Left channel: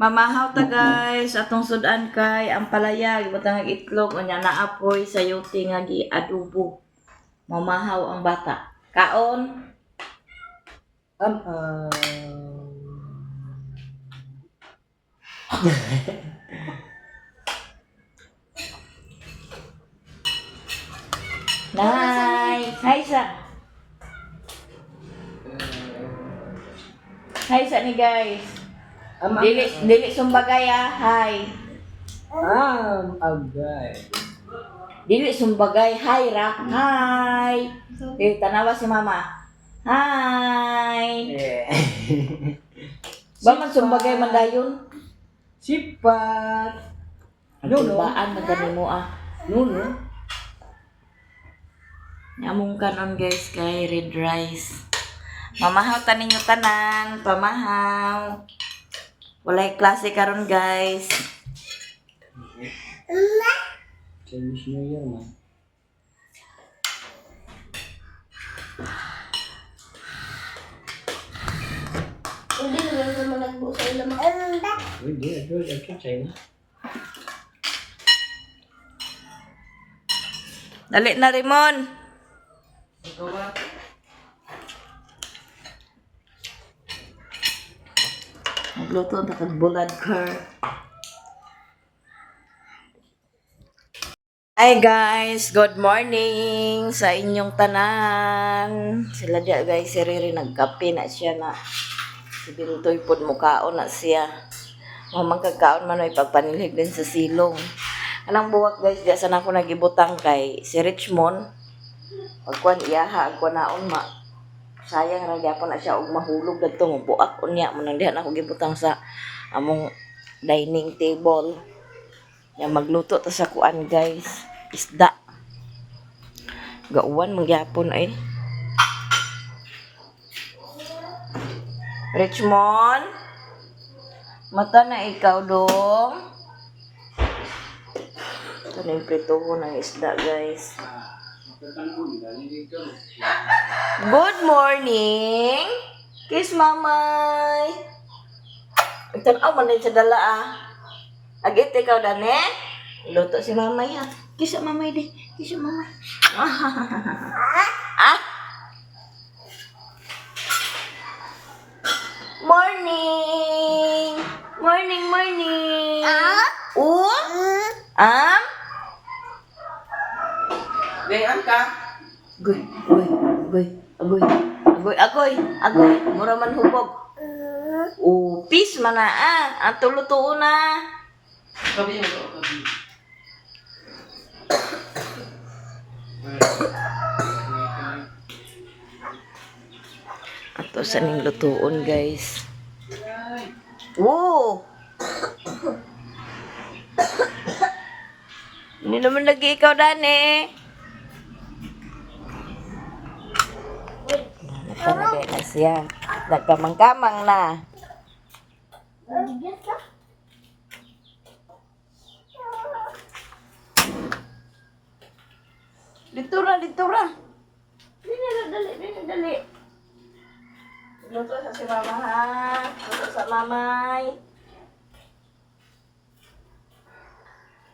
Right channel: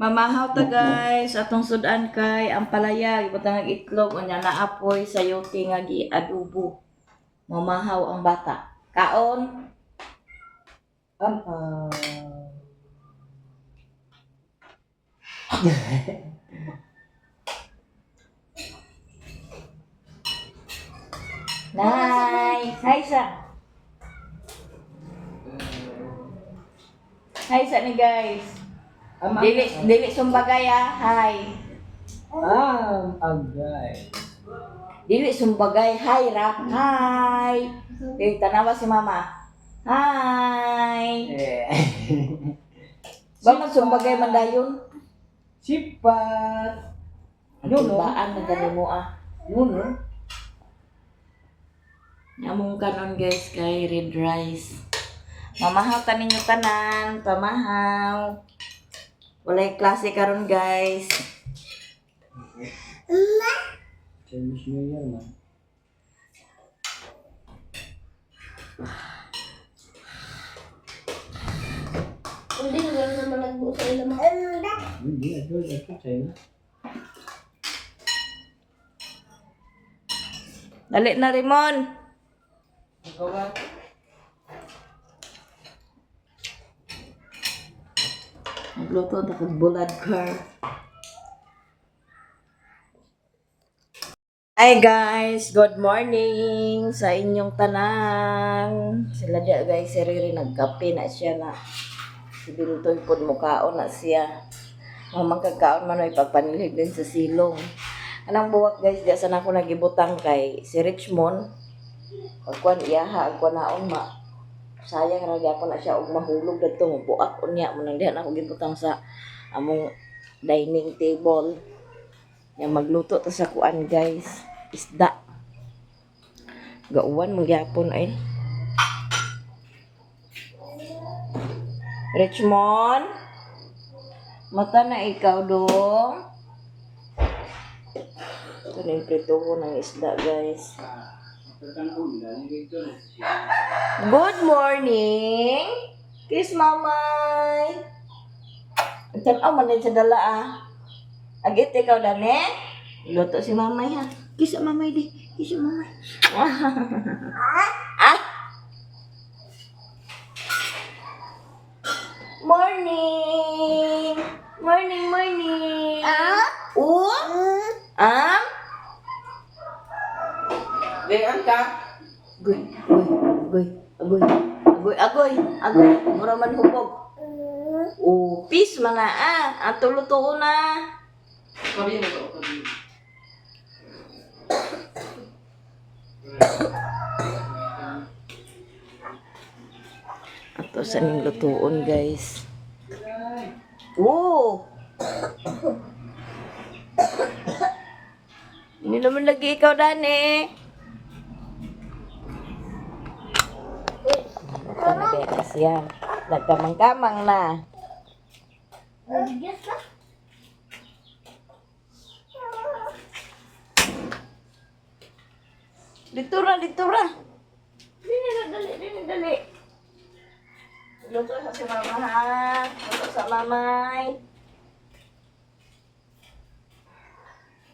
Mamahaw ta guys, atong sudan kay ang palaya, ibutang ang itlog, unya naapoy sa yote nga gi-adobo. Mamahaw ang bata. Kaon. Um, Nice. Hi sa. Hi sa ni guys. Dili sumbagay ah. Hi. agay. Dili sumbagay. Hi ra. Hi. Dili tanawa si mama. Hi. Ba man sumbagay man dayon. Sipat. Nulbaan na kanimo ah. Nuno. Nyamong kanon guys kay red rice. Mamahaw ta ninyo tanan, pamahaw. Walay klase karon guys. Chinese New Year man. Hindi na lang naman nagbuo sa ilang mga Hindi, ito China. Dali na Rimon. Ikaw ba? Magluto na kag bulad car. Hi guys, good morning sa inyong tanan. Sila dia guys, si Riri nagkape na siya na. Si Bintoy pod mukaon na siya. Mamang kagkaon man ay pagpanilig din sa silong. Anang buwak guys, diya sana ako nagibutang kay si Richmond. Pagkuan iyaha, agkuan naon ma. Sayang ra gyapon na siya og mahulog dadto mo buak unya mo nang diha na ako gibutang sa among dining table. Ya magluto ta sa kuan guys, isda. Gauwan mong gyapon ay. Richmond, mata na ikaw dong. Ito na yung prituho ng isda guys. Good morning! Kiss mamay! Tanaw man din sa dala ah. Agit ikaw dane? Luto si mamay ha. Kiss sa mamay di. Kiss sa mamay. Ah? Morning! Morning, morning! Ah? Gayaan ka? Agoy, agoy, agoy, agoy, agoy, agoy, mura man hubog. Peace mga ang tulo-tuo na. Kabi mo to, kabi. Ato sa ning lutuon guys. Woo! Hindi naman lagi ikaw dani. Nagpanagay na siya. Nagkamang-kamang na. bigas ka. Dito ra, dito ra. Dili na dali, dili dali. Luto sa si mama ha. Luto sa mamay.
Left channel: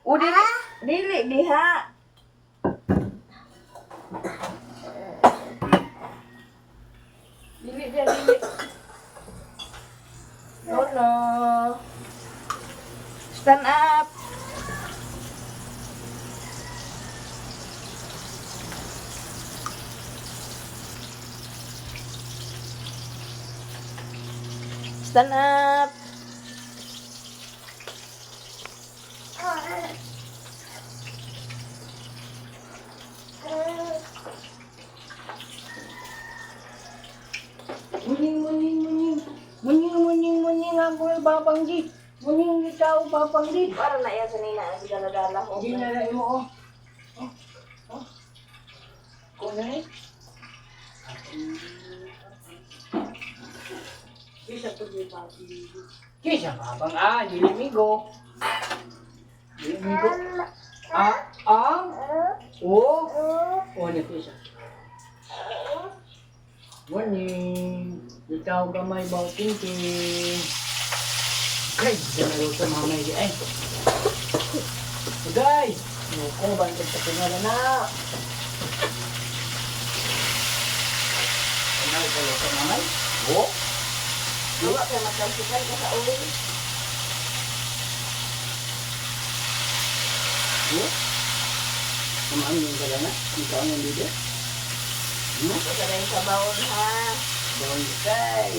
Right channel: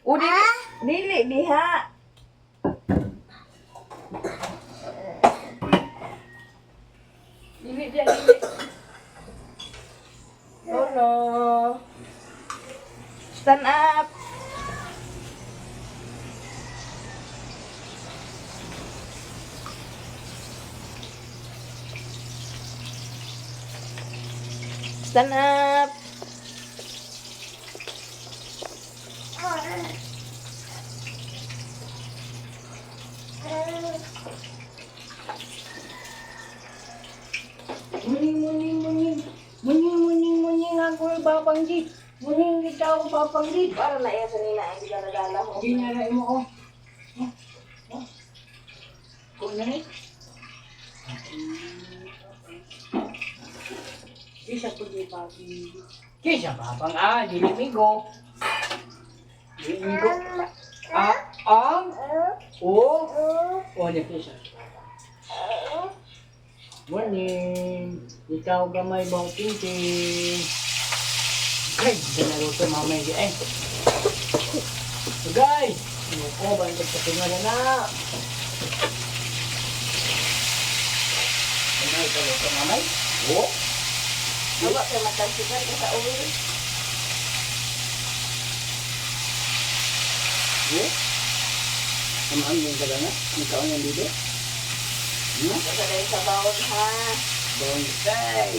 Dili. Dili, diha. Dili, diha, dili. Oh no. Stand up. Stand up. Muning ako ay babanggi. Muning ikaw babanggi. Para na iya sa nina ang dala-dala mo. Ginalay mo, oh. Kung na eh. Kisa po di papi. Kisa babang dilimigo. Dilimigo. Ni kisa. Morning. Ikaw gamay bang tingting. Ay, ginaluto mamay di ay. Sugay! Nuko, bantag sa tingala na. Mamay, kaluto mamay? Oo. Wala ko magkansikan ka sa uwi. Oo. Kamaan yung kalana? Ang kaon yung bide? Kasabay sa bawon ha. Bawang kay.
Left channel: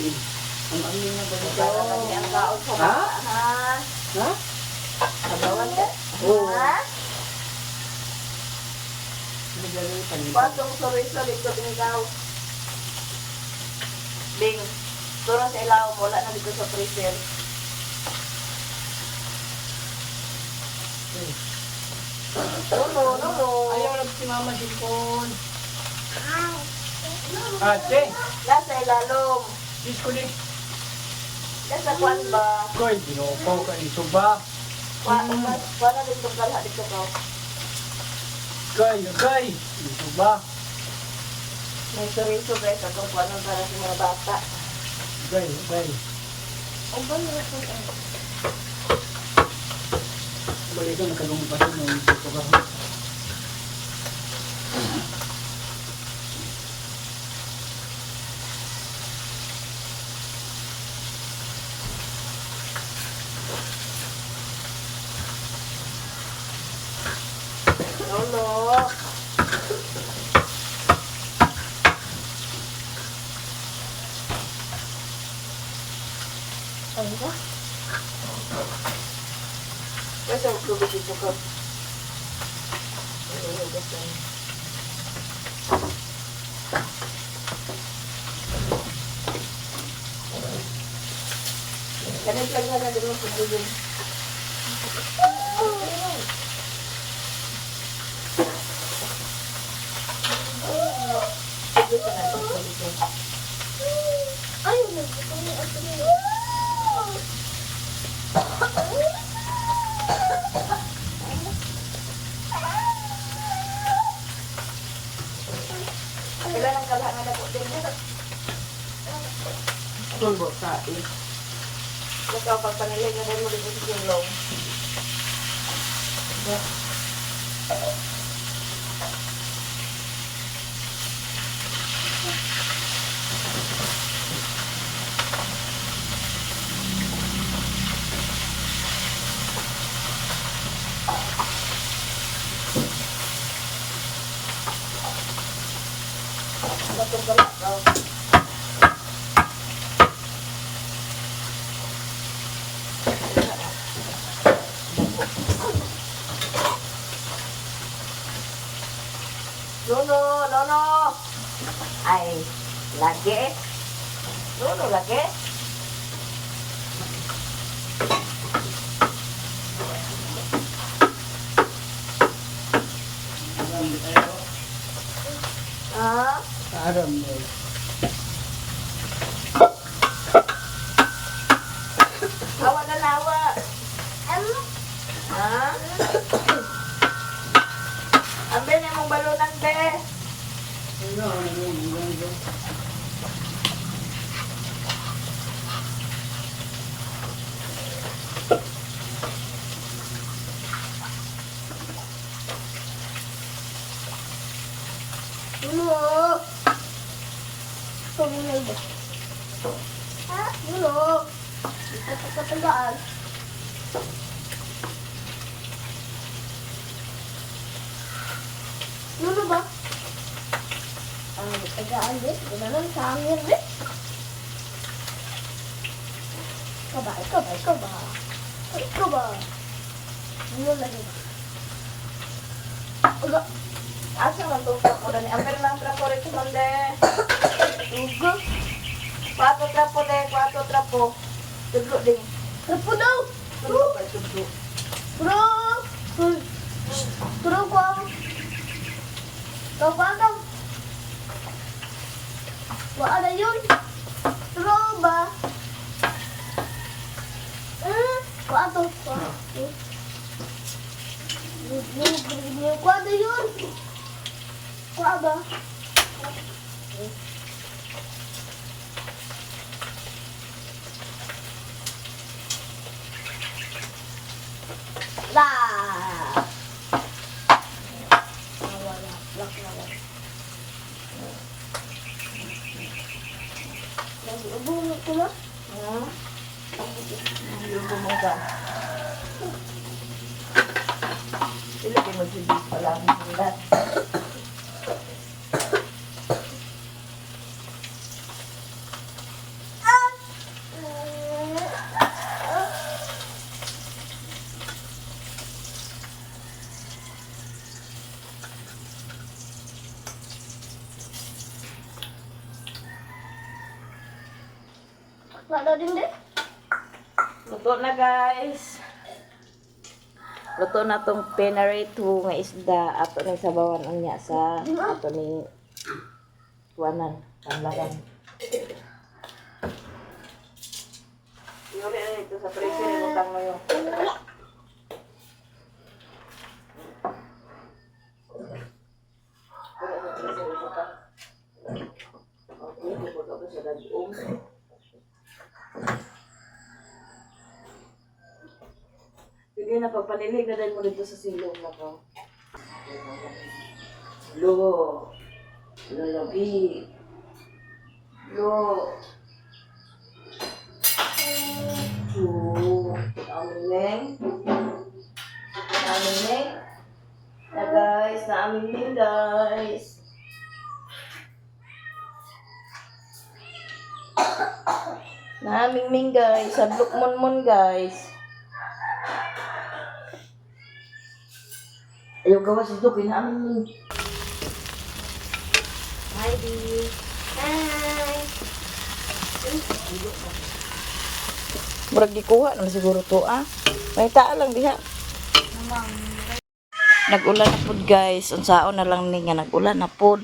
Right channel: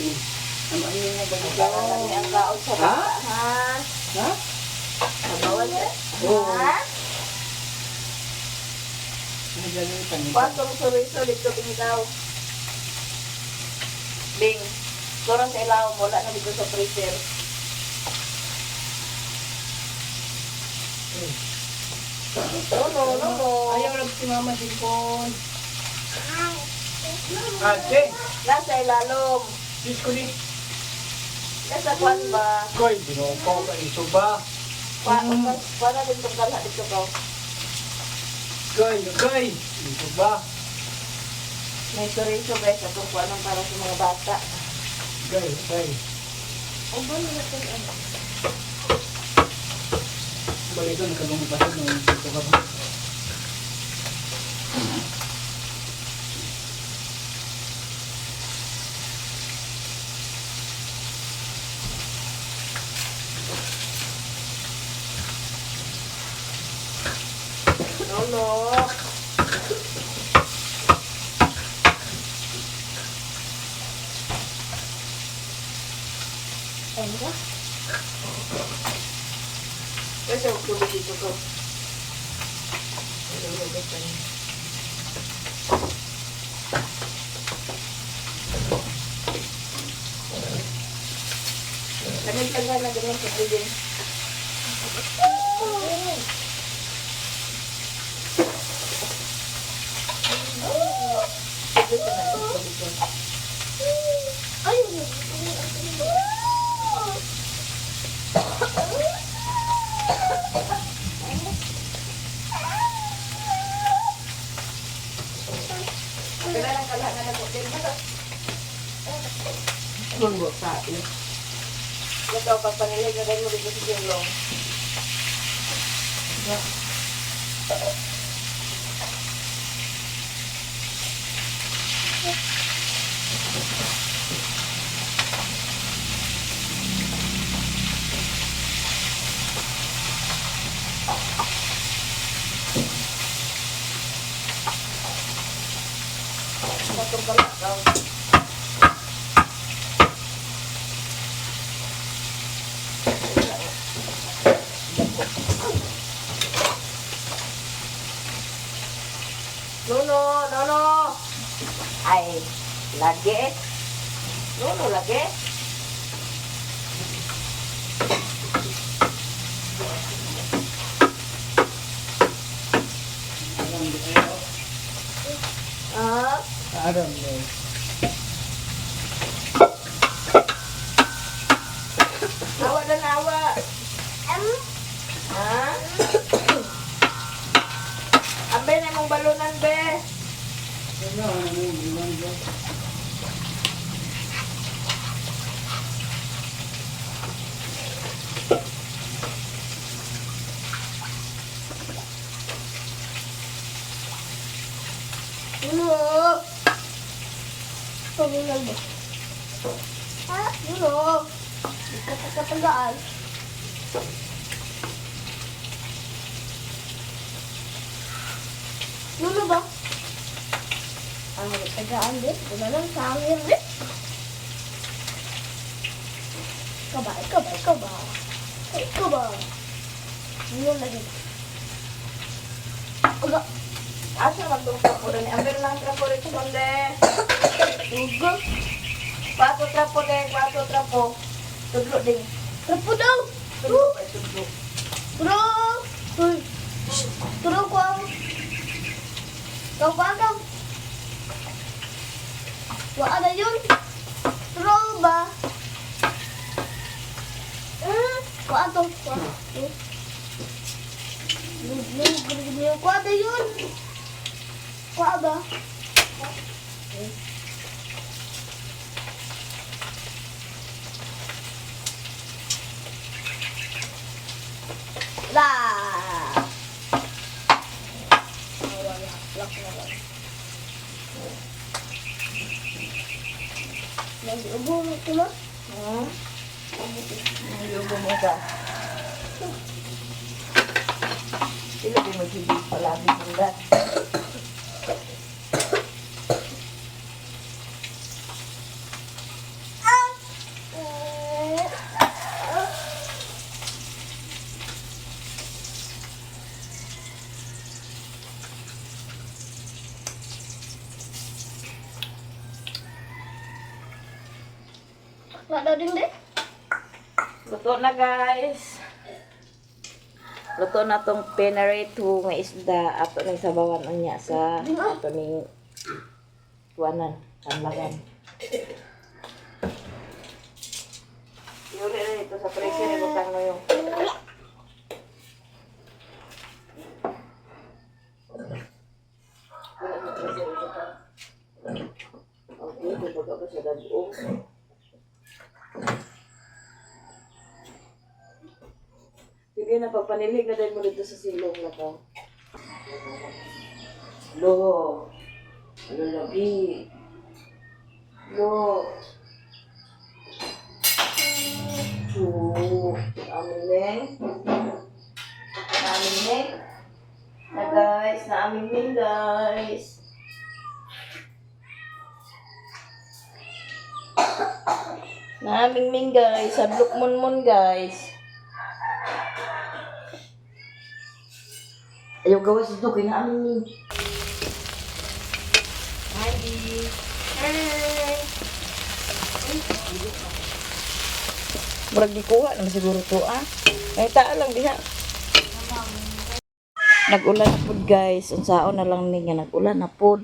Kamaan yung nga Para bagay lagi ang kaon sa Ha? bata ha. Ha? Sa bawon ka? Oo. Ha? Nagaling panita. Patong sorry ko tingkaw. Bing, turang sa ilaw, wala na dito sa freezer. No. Ayaw lang si mama sipon. Ate, Nasa ilalom. sis ko din. Nasa kwan ba? Koy, dinuko ka ito ba? Para dito kalha dito ka. Koy, ito ba? May sorry guys, atong kwanan para sa mga bata. Koy. O ba mga kung ano? Balik ito, nagkalungpasin ng ito ka ba? Lolo. Ano ba? Kasi ang tubig dito ka. Lamig lang na din ang tubig. Tubig ka na tubig ka. Ayaw na. Ito na. Kailan ang kalhan na po din mo? Tulbo sa iyo. Ito, pagpanilin na rin mo dito sa gulong. Itong kalhan daw. No. Ay, lagi. No, lagi. Ah, Aram mo. hawa na nawa. Ha? Ambe na mong balunan, be. Nuno. Pagulay ba? Ha? Nuno. Ito ka katagaan. Nuno ba? Ang katagaan din. Wala nang sangin din. Ikaw ba? Nuno lagi. Aga. Asa man itong trapo na ni? Ambe na lang trapo rin sa konde. Uga. Kwato trapo. Tudlo ding. Rapo daw. Tudlo pa, tudlo. Bro. Uy. Bro ko ang. Ikaw ko ang daw. Wala na yun. Bro ba? Wala to. Wala na yun. Wala ba? ito mo? Ayaw bumuga. Ilagay mo si beef palagi bundan. Wala din din. Luto na guys. Luto na tong pinarito nga isda. Ato ning sabawan unya sa ato ning tuwanan, kanlagan. Yuri na ito sa freezer, butang mo yung okay, bubog ako sa dagong. Sige na, pagpanilig na dahil mo dito sa silong na to. Lo. Lo, labi. Lo. Amin neng. Amin neng. Na guys, na amin neng guys. Na amin neng guys, sablok mon guys. Ayaw gawas dito, kinaamin mo. Hi, Di. Hi. Murag gikuha na siguro to, ah. May taa lang diha. Nag-ulan na pod, guys. Unsaon na lang ni nga nag-ulan na pod.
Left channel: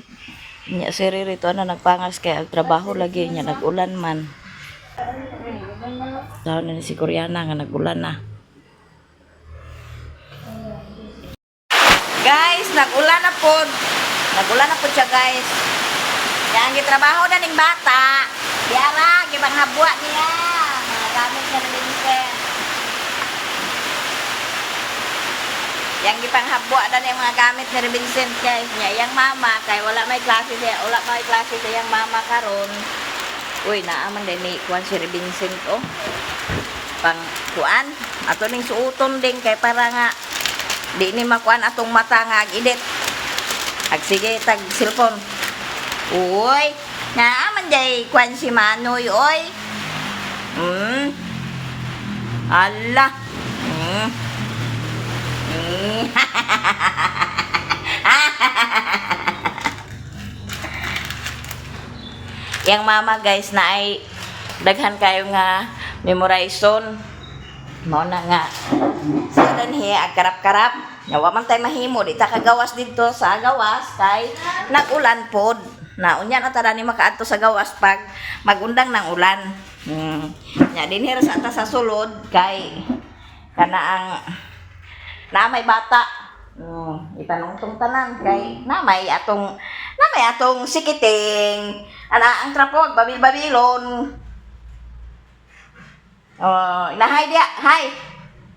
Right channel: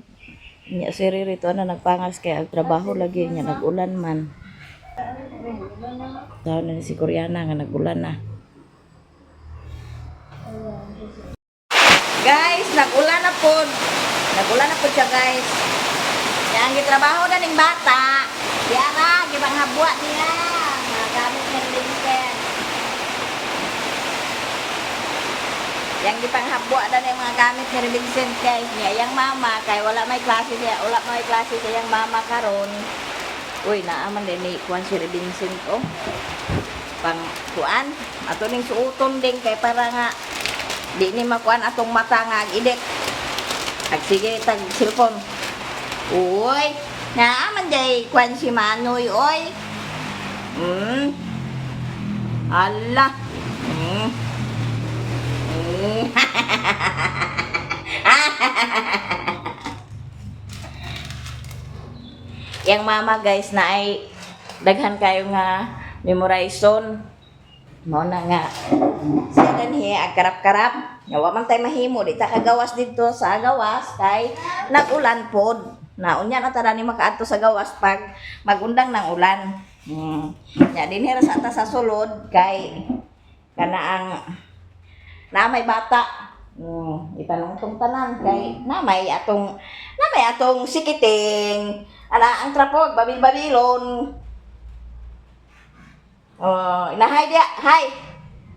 Nya si Riri to na nagpangas kay ang trabaho lagi niya nag-ulan man. Daw na ni si Koreana nga nag-ulan na. Guys, nag-ulan na pod. Nag-ulan na pod siya, guys. Yang gitrabaho na ning bata. Yara, gibang habwa niya. Mga gamit na rin. Yang gipang habwa na niya mga gamit ni Vincent, guys. Niya, yang mama, kay wala may klase siya. Wala may klase siya yung mama karon. Uy, naaman din ni Juan si Vincent, oh. Pang kuan. Ato ning suuton din, kay para nga di ni makuan atong mata nga ag-edit. Sige, tag cellphone. Uy, naaman jay kuan si Manoy, oy. Ala. Yang mama guys na ay daghan kayo nga memorization. Mao na nga. Siya din agkarap-karap. Yawa man tay mahimo di ta kagawas dito sa gawas kay nag-ulan pod. Na unya na tada ni makaadto sa gawas pag magundang ng ulan. Nya dinhi ra sa ta sa sulod kay kana ang na may bata. Itanong tong tanan kay namay atong sikiting. Ana ang trapog babil-babilon. Hi dia. Hi.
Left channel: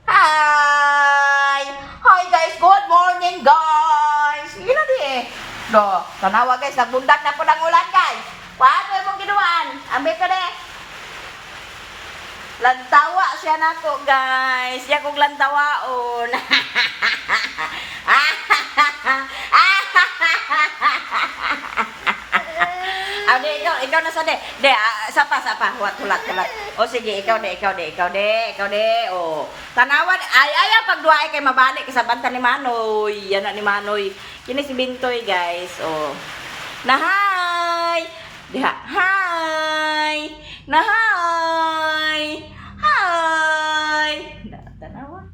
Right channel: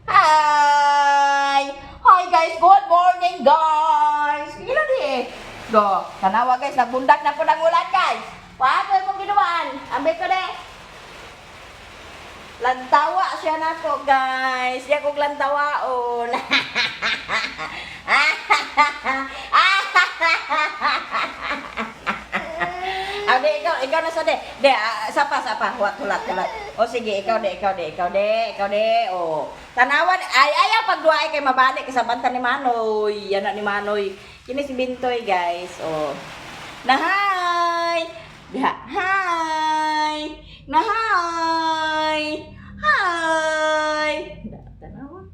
Hi. Hi guys, good morning guys. Ila di. Do, tanawa guys, nagbundak na po ng ulan guys. Paano yung ginawan? Ambil ka de. Lantawa siya na ko guys. Siya kong lantawaon. De, ikaw na sa de. De, sapa. Hulat. O sige, ikaw de. O, tanawan, ayaw pagduay kay mabalik sa banta ni Manoy. Yan na ni Manoy. Kini si Bintoy, guys. O, na hi. Diha, hi. Na hi. Hi. Tanawa.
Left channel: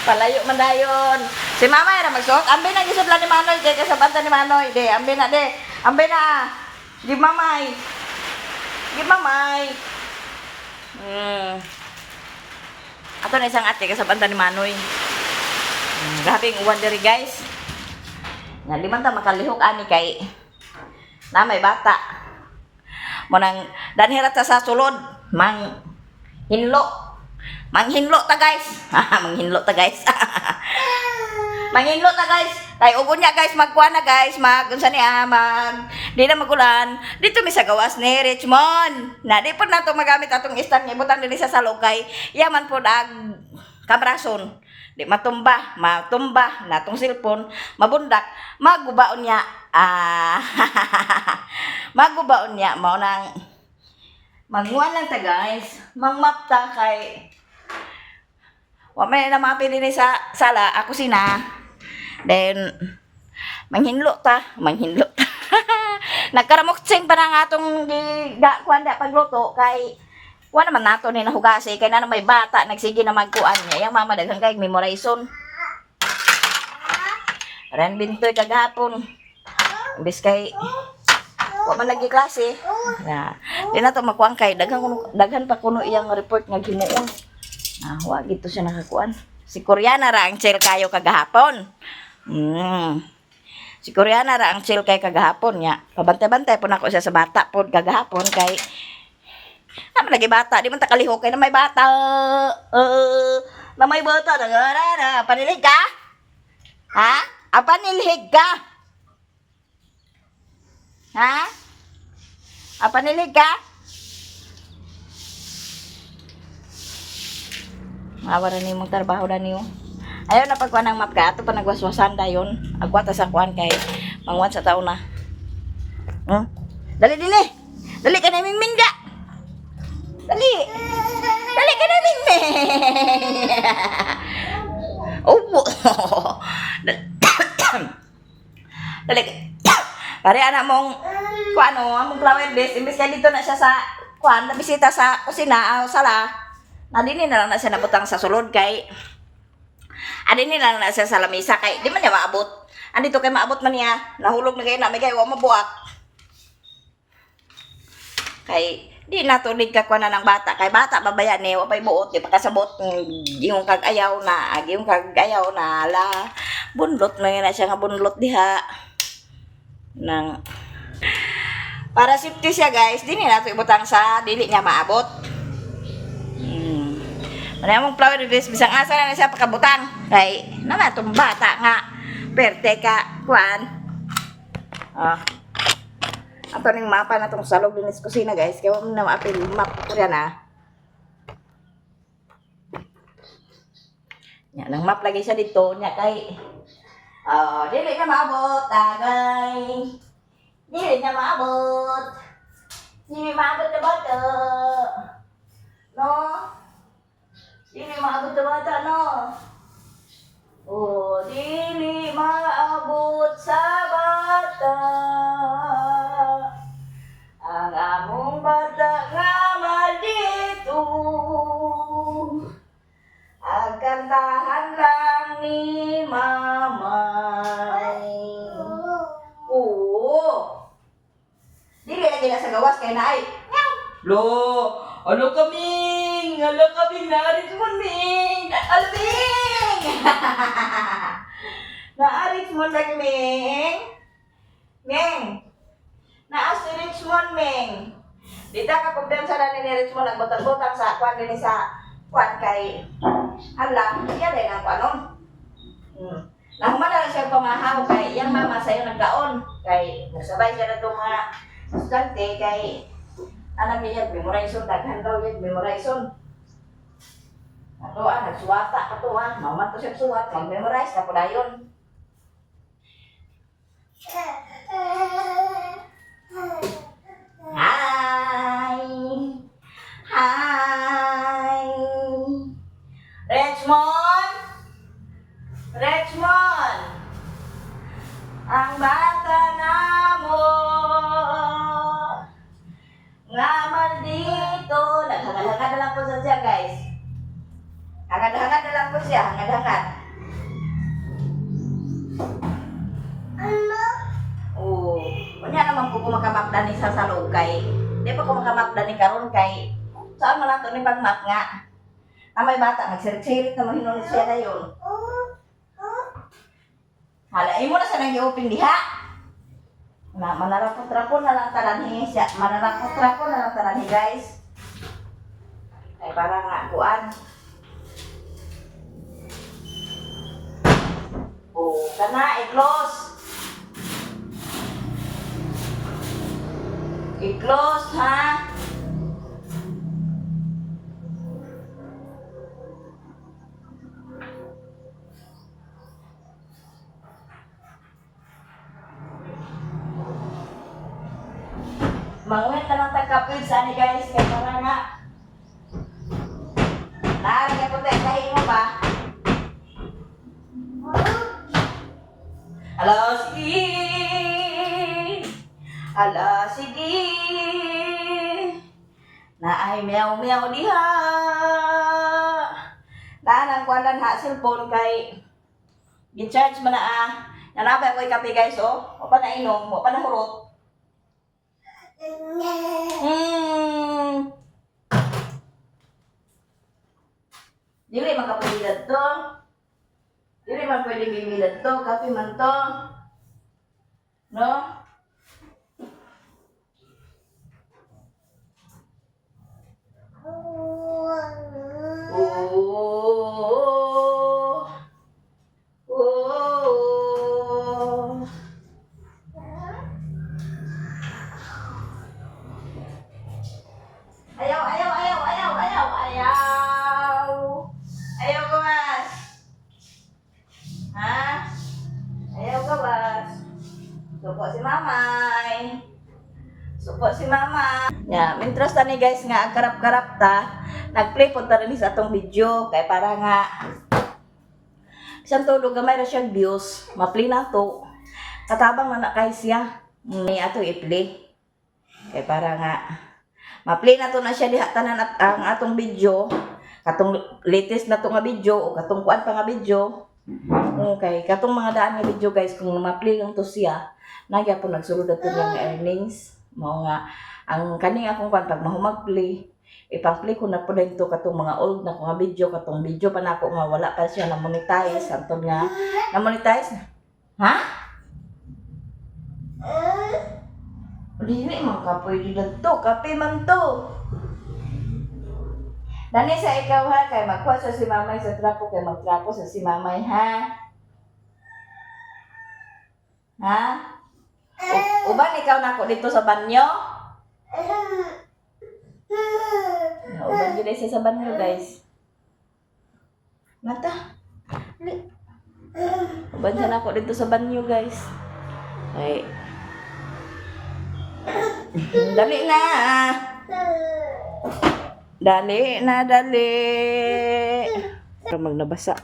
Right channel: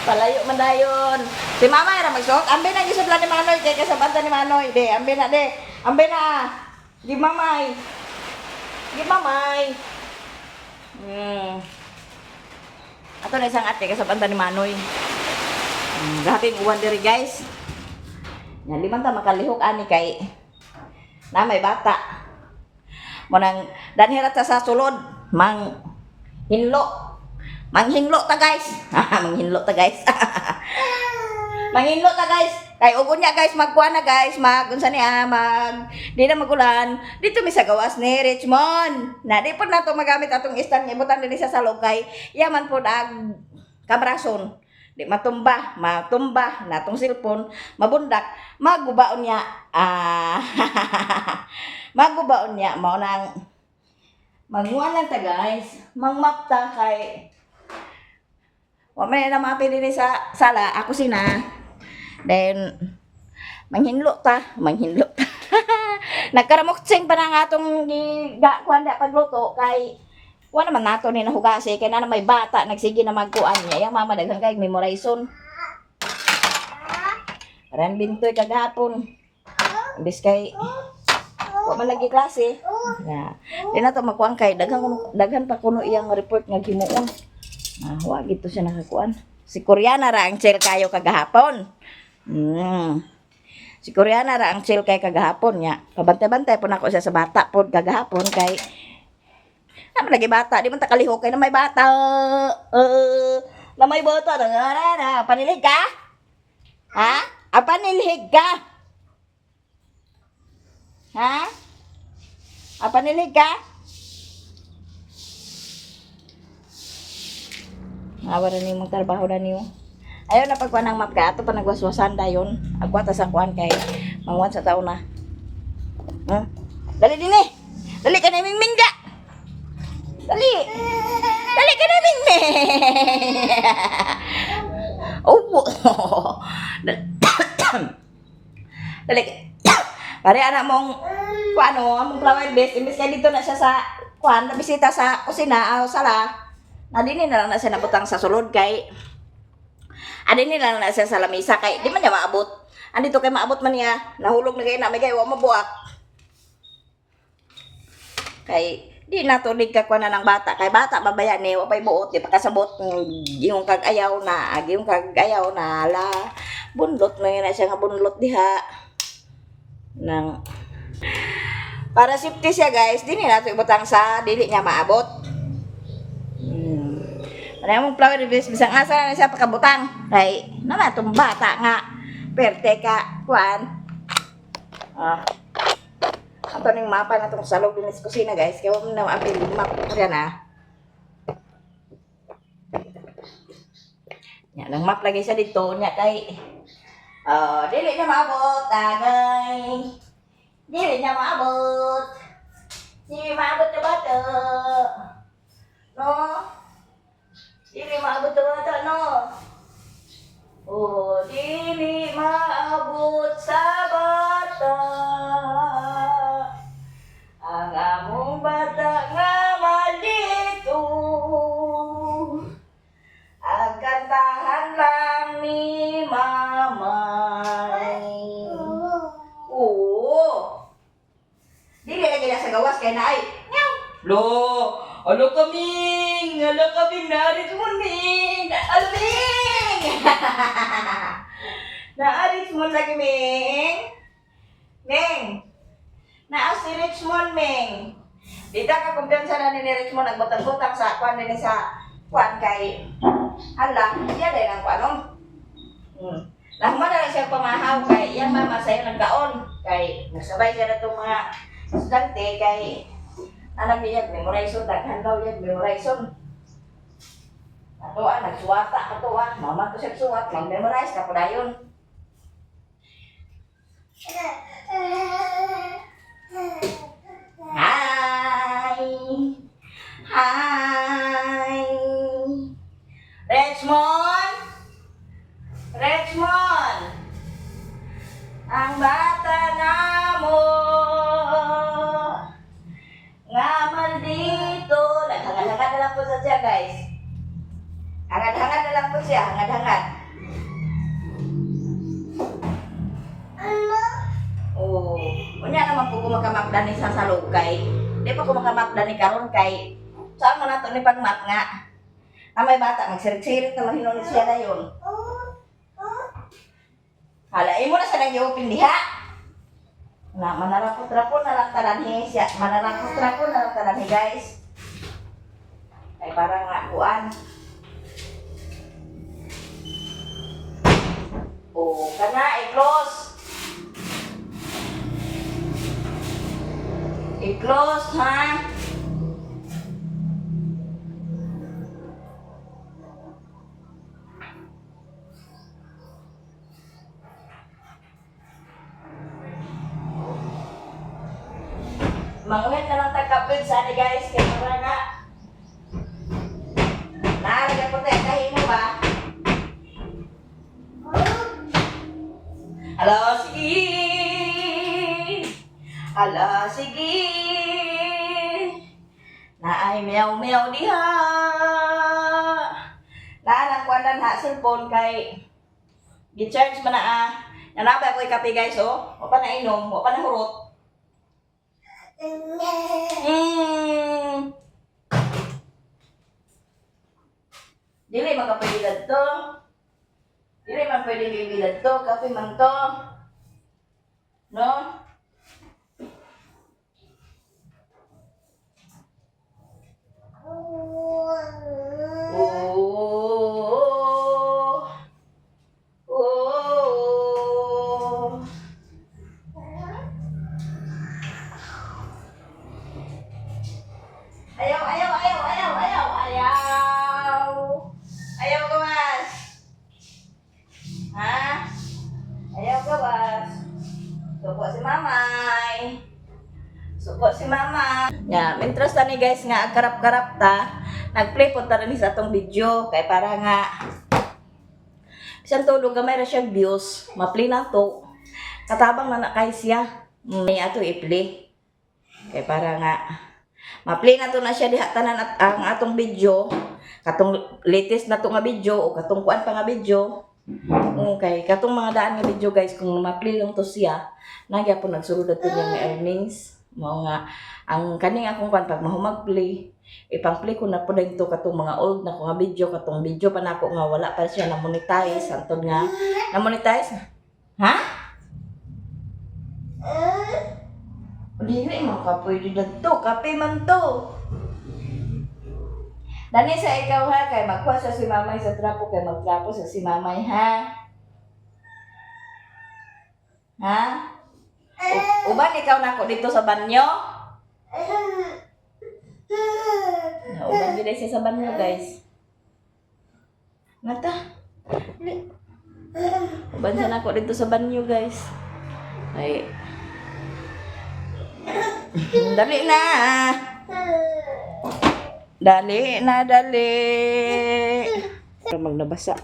Palayo man dayon. Si mama era magsuot. Ambe na gisud ni Manoy kay kasabanta ni Manoy. De, ambe na de. Ambe na. Di mamay. Ato na isang ate kasabanta ni Manoy. Gabing uwan diri guys. Nga liman ta makalihok ani kay na may bata. Monang danhirat sa sulod Manghinlo ta guys. Manghinlo ta guys. Kay ugo niya guys, magkuha na guys, unsa niya, di na magulan. Dito mi sa gawas ni Richmond. Na di po nato magamit atong stand nga ibutan diri sa salog kay yaman po ag kamrason. Di matumba natong cellphone, mabundak, magubaon niya. Magubaon niya mao nang manguan lang ta guys. Mangmap ta kay wa may na mapi dinhi sa sala, ako sina. Then manghinlo ta. Nagkaramuksing pa na nga atong kuan da pagluto kay wa naman nato ni nahugasi kay na may bata nagsige na magkuan niya. Yang mama daghang kay memorization. Ran bintoy kagahapon. Imbis kay wa man lagi klase. Na, di na to makuan kay daghan pa kuno iyang report nga himuon. Wa gito siya nakakuan. Si Koreana ra ang chill kayo kagahapon. Si Koreana ra ang chill kay kagahapon nya. Pabantay-bantay po nako siya sa bata pod kagahapon kay naman lagi bata, di man ta kalihok kay na may bata. Na may bata na panilig ka? Ha? Panilig ka? Ha? Panilig ka? Mawara ni mong trabaho na niyo. Ayaw na pagkuhan ng map ka. Ato pa nagwaswasan dayon. Agwata sa kuhan kay mangwan sa taon na. Dali dili. Dali ka na mingming da. Dali. Dali ka na mingming. Oh. Dali ka. Pare anak mong kuan among flower bed. Imbis kay dito na siya sa kuhan. Nabisita sa kusina o sala. Adini na lang na siya nabutang sa sulod kay adini na lang na siya sa lamisa kay di man niya maabot. Andito kay maabot man niya. Nahulog na kay na may kay wa mabuak. Kay di na to dig ka kuan ng bata kay bata babaya ni wa pay buot di pa kasabot yung kag-ayaw na ala bunlot na siya nga bunlot diha nang para safety siya guys di na to ibutang sa dili niya maabot. Wala mong flower bed bisang asa na siya pakabutang kay naman itong bata nga perte ka kuan ato ning mapa na itong salog din sa kusina guys kaya wala na maapil map kaya na yan ang map lagi siya dito nya kay dili na maabot tagay dili na maabot na bata no. Dili maabot sa bata, no? Dili maabot sa bata. Ang among bata nga maldito. Ang kantahan lang ni mamay. Dili lagi na sa gawas kay naay. Lo! Alo kaming narit mo Ming! Alo Ming! Naarit mo lagi Ming! Ming! Naas si Richmond Ming! Dita ka kumpiyansa na ni Richmond nagbutang-butang sa kwan din sa kwan kay hala, iya din ako anong? Nahuman na lang siya pamahaw kay yan mama sa'yo nagkaon kay nasabay siya na itong mga estudyante kay anak niya memorization daghan daw yun memorization ato nagsuwata ato mama to siya suwat mag-memorize ka po dayon Hi Richmond ang bata namo nga maldito. Naghangad-hangad na lang po siya guys. Hangad-hangad na lang po siya. Hangad-hangad. Unya naman po kumakamapdan ni sa salog kay di pa kumakamapdan ni karon kay saan man nato ni pagmap nga na may bata magsirit-sirit na mahinunit siya na yun. Halain mo na siya nang i-open diha. Na manarapot-rapon na lang talanhi siya. Manarapot-rapon na lang talanhi guys. Ay parang nakuan. O, kana, i-close. I-close, ha? Manguhit na lang tagkapil sa ani guys, kay para nga. Naaraga po tayo, tahin mo ba? Ala, sige! Ala, sige! Naay meow-meow diha! Naan ang kwandan na cellphone kay gi-charge man na nanabay ko kape guys, oh. O pa na inom, o pa na hurot. Dili man kapilad to. Dili man pwede bibilad to, kape man to. No? Oh. Oh. Ayaw, ayaw, ayaw, ayaw, ayaw, ayaw. Ayaw gawas. Ha? Ayaw gawas. Suko si mamay. Suko si mama. Ya, mintras tani guys nga karap-karap ta. Nag-play po ta rin sa atong video kay para nga isang tulog gamay ra siya views. Ma-play na to. Katabang na kay siya. May ato i-play. Kay para nga ma-play na to na siya diha tanan at ang atong video. Katong latest na to nga video o katong kuan pa nga video. Okay, katong mga daan nga video guys kung ma-play lang to siya, nagya po nagsulod ato nga earnings. Mao nga ang kaning akong kuan pag mahumag-play, ipang-play ko na po dito katong mga old na ko nga video, katong video pa nako nga wala pa siya na monetize, antod nga na monetize. Ha? Dili man ka pwede dito, kape man to. Dani sa ikaw ha, kay magkuha sa si mamay sa trapo, kay magtrapo sa si mamay ha. Ha? Uban ikaw nako dito sa banyo? Uban gid siya sa banyo guys. Nata. Uban siya nako dito sa banyo guys. Ay. Dali na. Dali na, dali. Para magnabasa.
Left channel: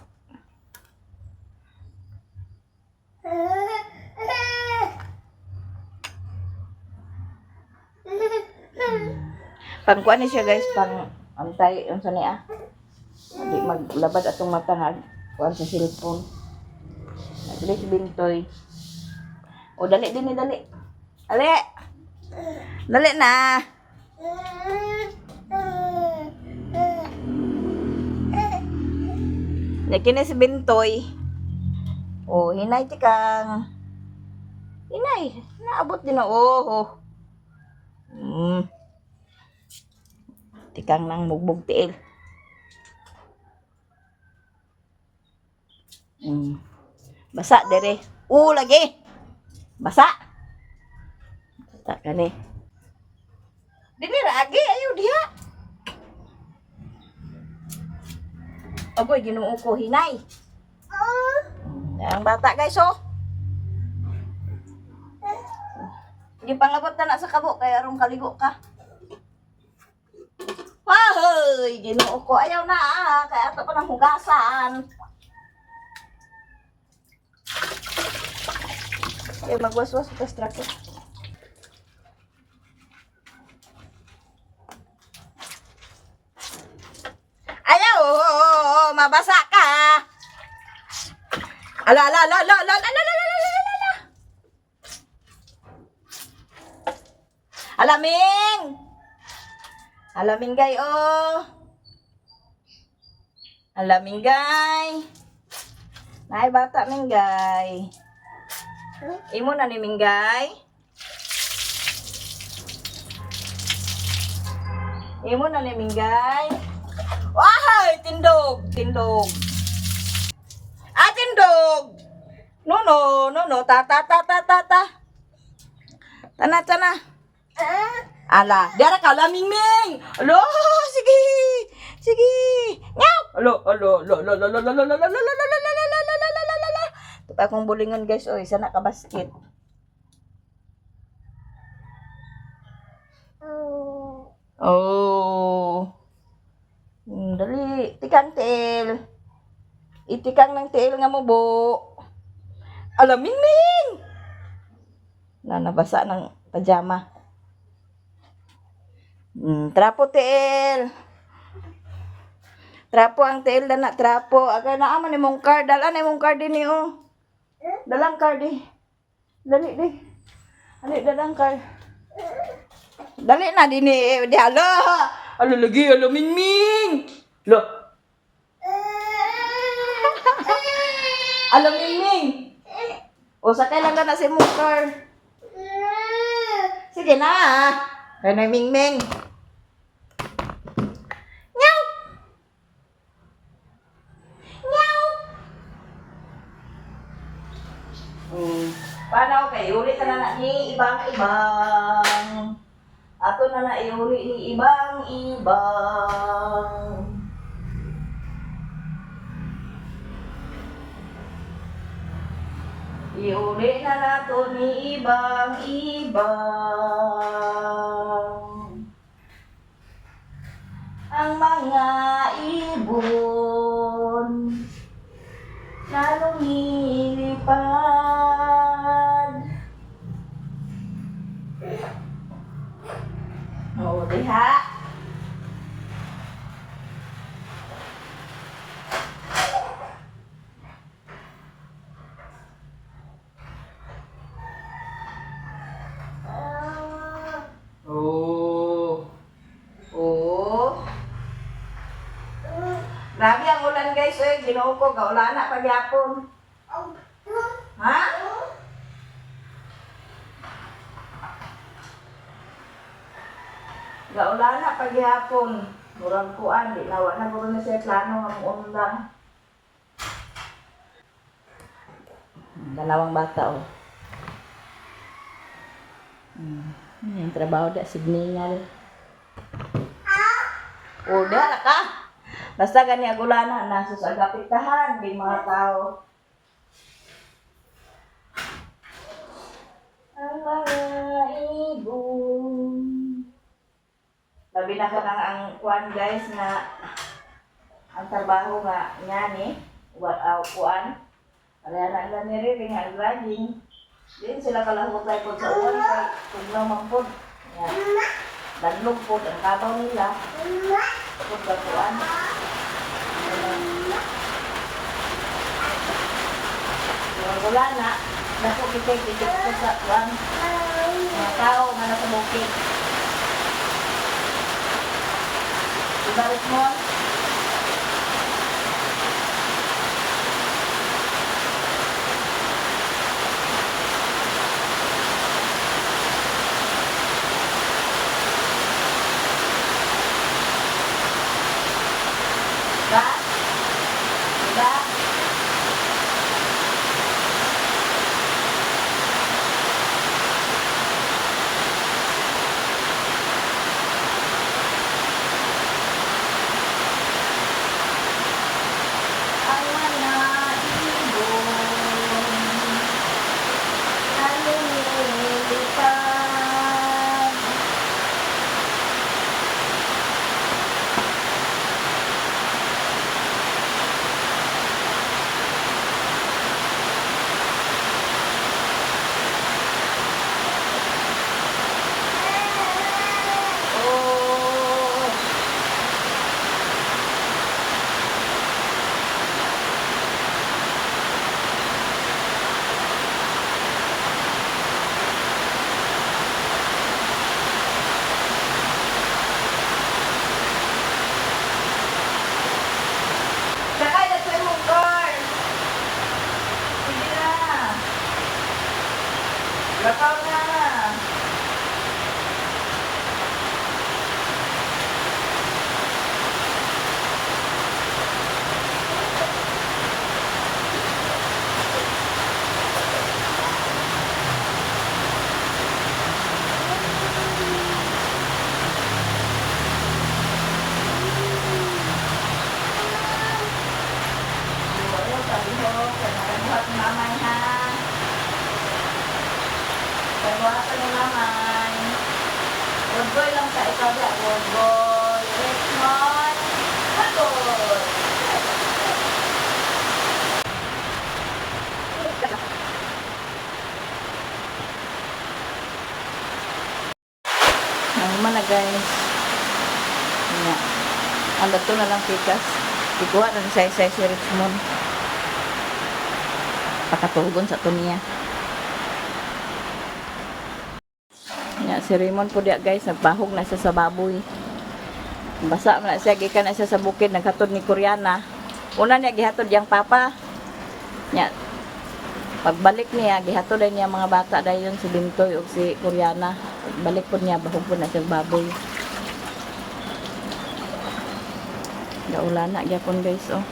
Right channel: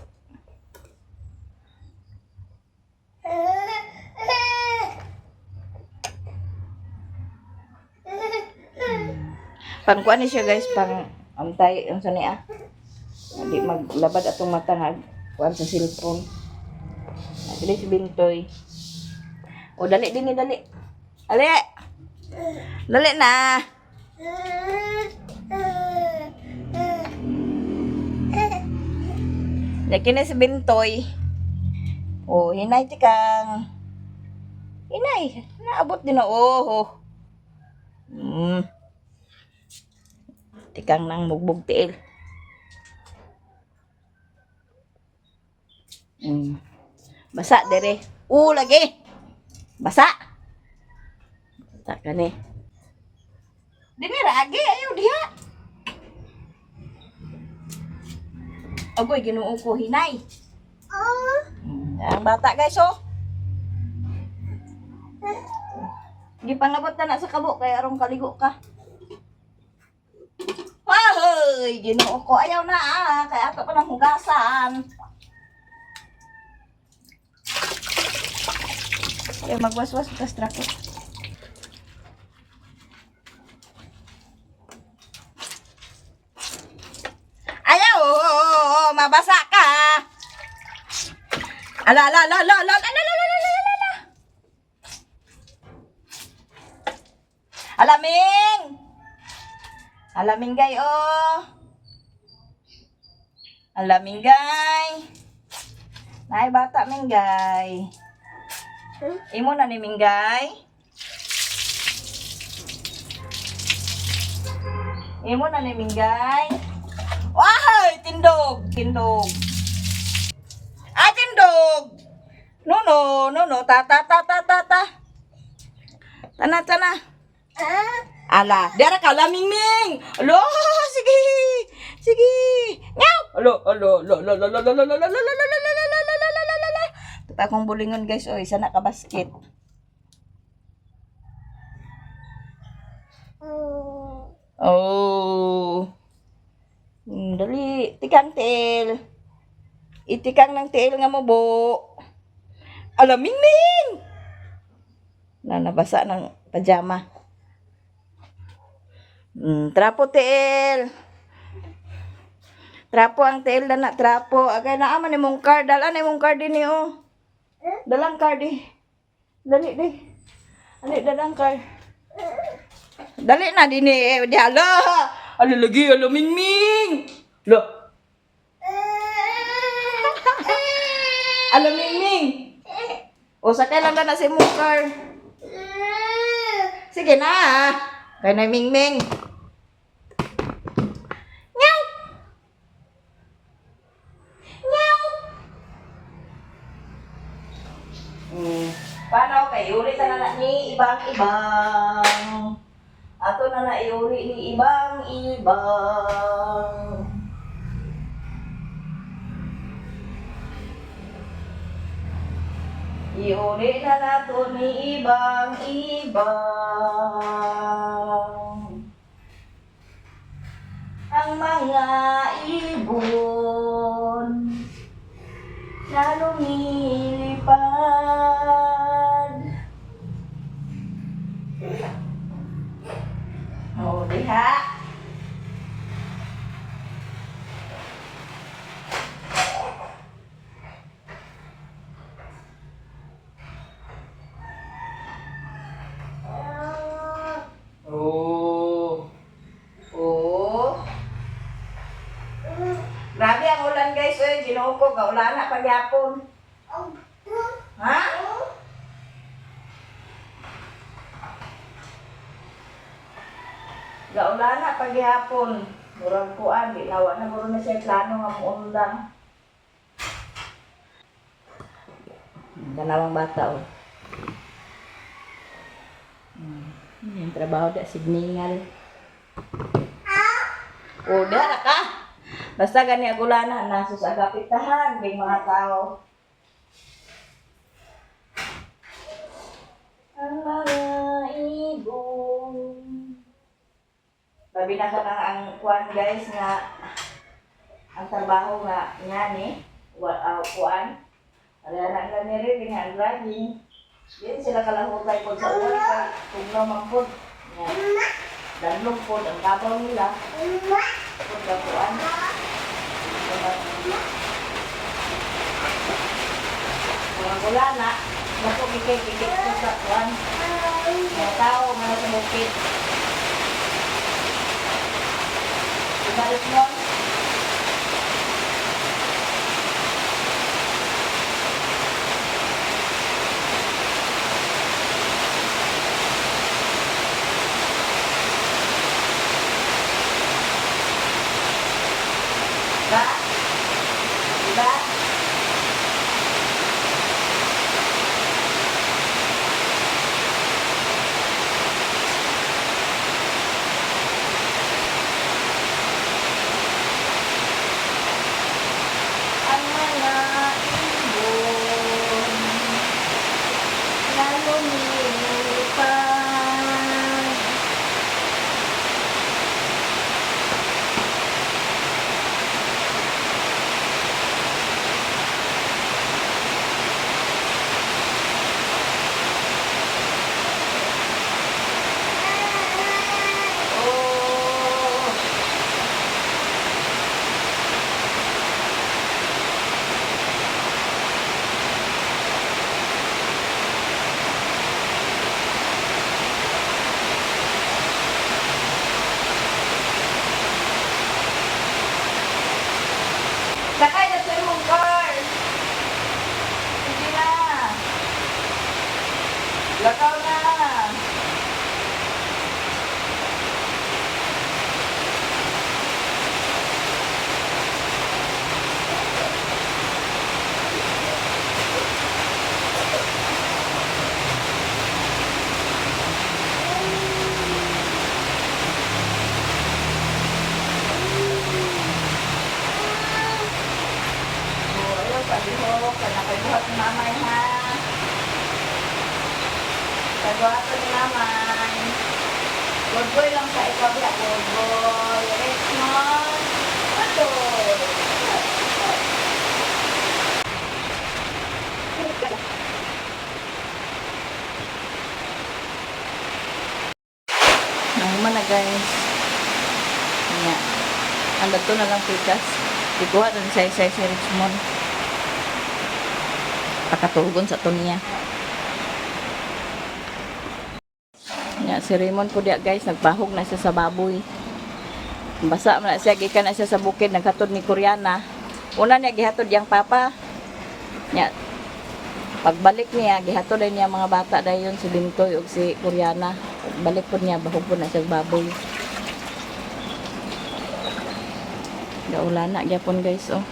Pangkuan ni siya guys, pang antay, ang sani Hindi maglabad atong mata nga kuan sa cellphone. Dali si Bintoy. O dali din ni dali. Ali. Dali na. Yakin na si Bintoy. Oh, hinay tikang. Hinay. Naabot din na. Oh. Tikang nang mugbog tiil. Basa dere. Lagi. Basa. Basa ka ni. Dini ragi ayo dia. Agoy ginuo ko hinay. Ang bata guys oh. Di pangabot na sa kabo kay arong kaligo ka. Hoy, ginuo ko ayaw na kay ato pa nang hugasan. Ay magwaswas ka strako. Ayaw, mabasa ka. Ala. Alaming gay oh. Alaming gay. Nay bata minggay. Imo na ni minggay. Imo na ni minggay. Wahay, tindog. Ah, tindog. No, no, no, no. Ta, ta, ta, ta, ta, ta. Tana, tana. Ala, diara ka laming ming. Alo, sige. Sige. Ngaw. Alo, alo, alo, alo, alo, alo, alo, alo, alo, alo, alo, alo, alo, alo, alo. Ito pa akong bulingon guys, oy, sana ka basket. Oh. Dali, tikang tail. Itikang ng tail nga mo, bo. Ala, ming ming. Nabasa ng pajama. Trapo tail. Trapo ang tail na trapo. Agay na aman imong card. Dalan imong card din oh. Dalang card di. Dali di. Ali dalang card. Dali na din eh. Di ala. Ala lagi ala mingming. Lo. Ala mingming. O sakay lang na si imong card. Sige na. Kaya na mingming. Paano kay uli na na ni ibang-ibang. Ato na na iuli ni ibang-ibang. Iuli na nato ni ibang-ibang. Ang mga ibon na lumilipad. O, diha. Oh. Oh. Grabe ang ulan guys, eh. Ginoo ko, gaulan na pagyapon. Ha? Gaulan na pagyapon. Murang kuan, di lawa na muro na siya plano nga mong lang. Dalawang bata oh. Yung trabaho da signal. O, dara ka. Basta gani agulanan na sus agapitahan ng mga tao. Ang mga ibon. Labi na ka nang ang kuan guys nga ang trabaho nga nga ni kuan. Kaya na lang ni rin nga vlogging. Din sila kalahutay po sa uwan kay tugnaw mampod. Yan. Danlog po ang kabaw nila. Pud ka kuan. Mga gulana, napo kikik ko sa kuan. Mga tao nga nasa bukid. Ibalik mo. Diba? Diba? Ang mga ibon na lumilipad. Oh. Sakay na sa imong car. Sige na. Lakaw na. Pagbuhatan na naman. Good boy lang sa ikaw ya. Good boy. Richmond. Good boy. Nahuman na guys. Nga. Ang dato na lang pikas. Ikuha na sa isa si Richmond. Pakatugon sa tumiya. Nga si Raymond po dia guys. Nagpahog na siya sa baboy. Basa man na siya. Gikan na siya sa bukid. Naghatod ni Koreana. Una niya gihatod yang papa. Nga. Pagbalik niya, gihatod na niya mga bata dayon si Bintoy o si Koreana. Pagbalik po niya, bahog po na siya baboy. Gaula na gyapon guys oh.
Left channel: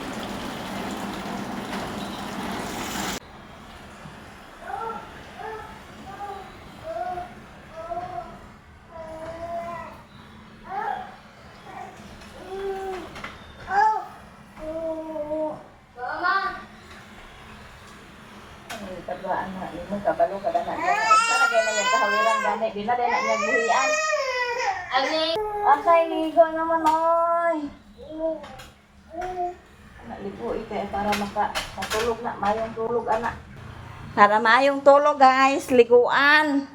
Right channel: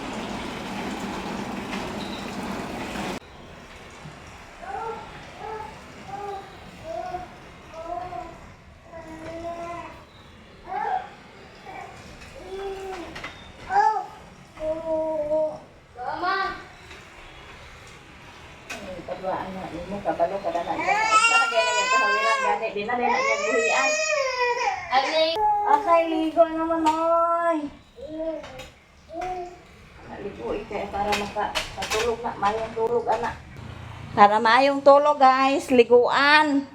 Padwaan na imo kabalo kada na. Sana kay na yang kahawiran gani, di na na niya buhian. Asay ligo naman oy. Naligo ite para makatulog na mayong tulog anak. Para mayong tulog guys, liguan.